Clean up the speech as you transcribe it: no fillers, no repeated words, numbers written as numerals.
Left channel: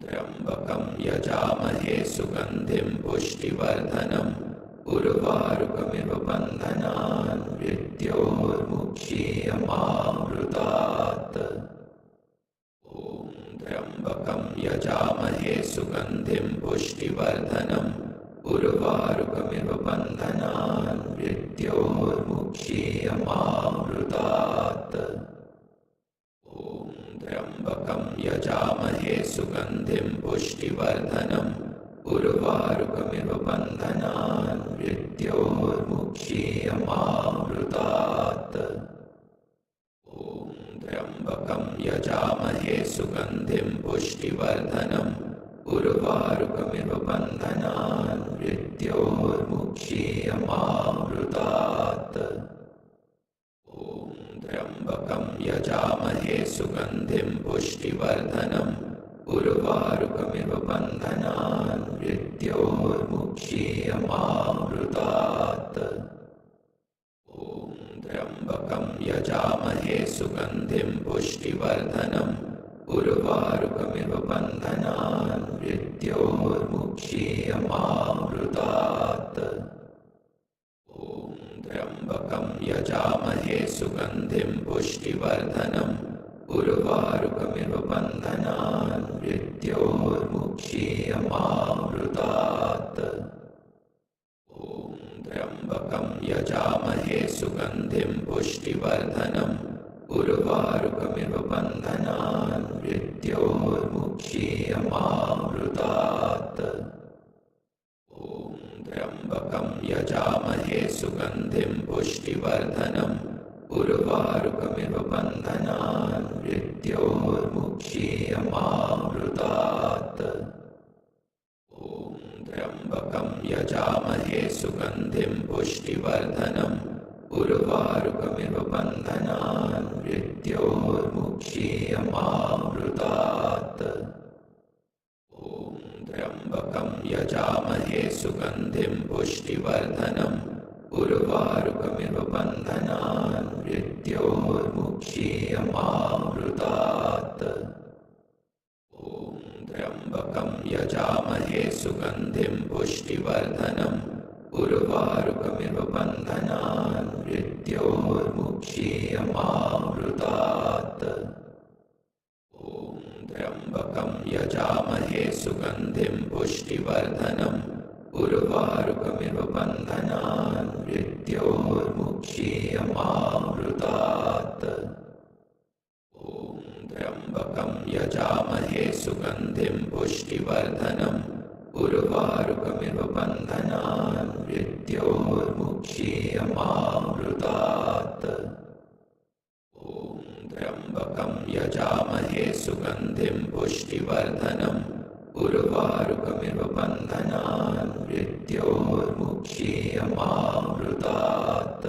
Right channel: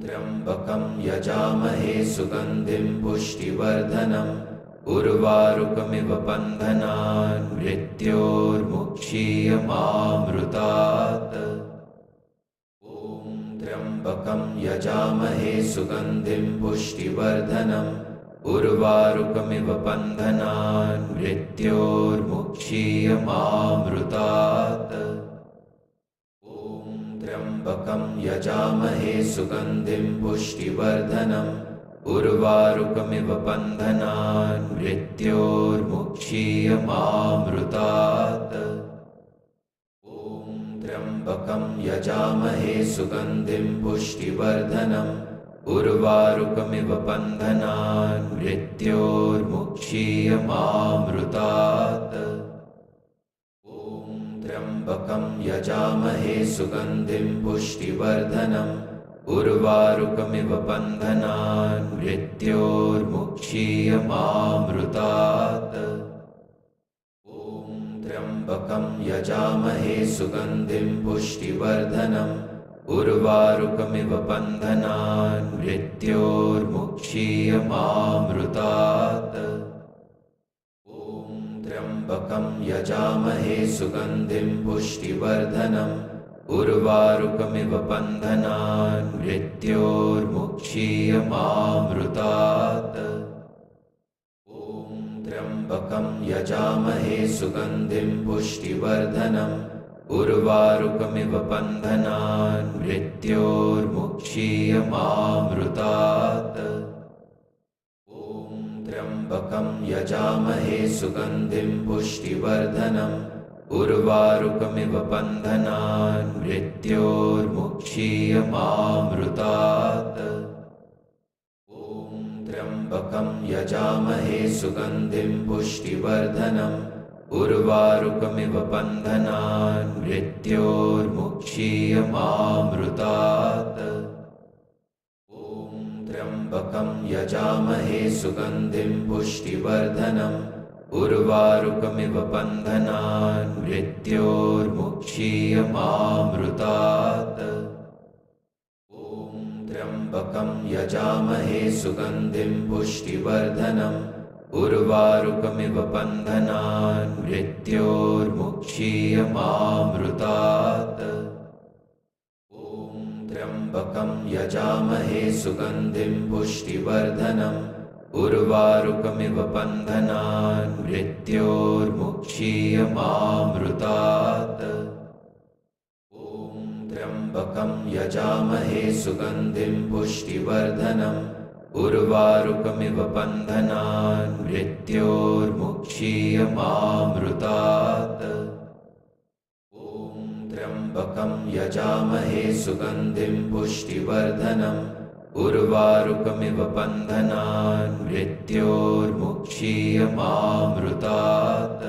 त्र्यम्बकं यजामहे सुगन्धिं पुष्टिवर्धनम् उर्वारुकमिव बन्धनान् मृत्योर्मुक्षीयमामृतात्। ॐ त्र्यम्बकं यजामहे सुगन्धिं पुष्टिवर्धनम् उर्वारुकमिव बन्धनान् मृत्योर्मुक्षीयमामृतात्। ॐ त्र्यम्बकं यजामहे सुगन्धिं पुष्टिवर्धनम् उर्वारुकमिव बन्धनान् मृत्योर्मुक्षीयमामृतात्। ॐ त्र्यम्बकं यजामहे सुगन्धिं पुष्टिवर्धनम् उर्वारुकमिव बन्धनान् मृत्योर्मुक्षीयमामृतात्। ॐ त्र्यम्बकं यजामहे सुगन्धिं पुष्टिवर्धनम् उर्वारुकमिव बन्धनान् मृत्योर्मुक्षीयमामृतात्। ॐ त्र्यम्बकं यजामहे सुगन्धिं पुष्टिवर्धनम् उर्वारुकमिव बन्धनान् मृत्योर्मुक्षीयमामृतात्। ॐ त्र्यम्बकं यजामहे सुगन्धिं पुष्टिवर्धनम् उर्वारुकमिव बन्धनान् मृत्योर्मुक्षीयमामृतात्। ॐ त्र्यम्बकं यजामहे सुगन्धिं पुष्टिवर्धनम् उर्वारुकमिव बन्धनान् मृत्योर्मुक्षीयमामृतात्। ॐ त्र्यम्बकं यजामहे सुगन्धिं पुष्टिवर्धनम् उर्वारुकमिव बन्धनान् मृत्योर्मुक्षीयमामृतात्। ॐ त्र्यम्बकं यजामहे सुगन्धिं पुष्टिवर्धनम् उर्वारुकमिव बन्धनान् मृत्योर्मुक्षीयमामृतात्। ॐ त्र्यम्बकं यजामहे सुगन्धिं पुष्टिवर्धनम् उर्वारुकमिव बन्धनान् मृत्योर्मुक्षीयमामृतात्। ॐ त्र्यम्बकं यजामहे सुगन्धिं पुष्टिवर्धनम् उर्वारुकमिव बन्धनान् मृत्योर्मुक्षीयमामृतात्। ॐ त्र्यम्बकं यजामहे सुगन्धिं पुष्टिवर्धनम् उर्वारुकमिव बन्धनान् मृत्योर्मुक्षीयमामृतात्। ॐ त्र्यम्बकं यजामहे सुगन्धिं पुष्टिवर्धनम् उर्वारुकमिव बन्धनान् मृत्योर्मुक्षीयमामृतात्। ॐ त्र्यम्बकं यजामहे सुगन्धिं पुष्टिवर्धनम् उर्वारुकमिव बन्धनान् मृत्योर्मुक्षीयमामृतात्।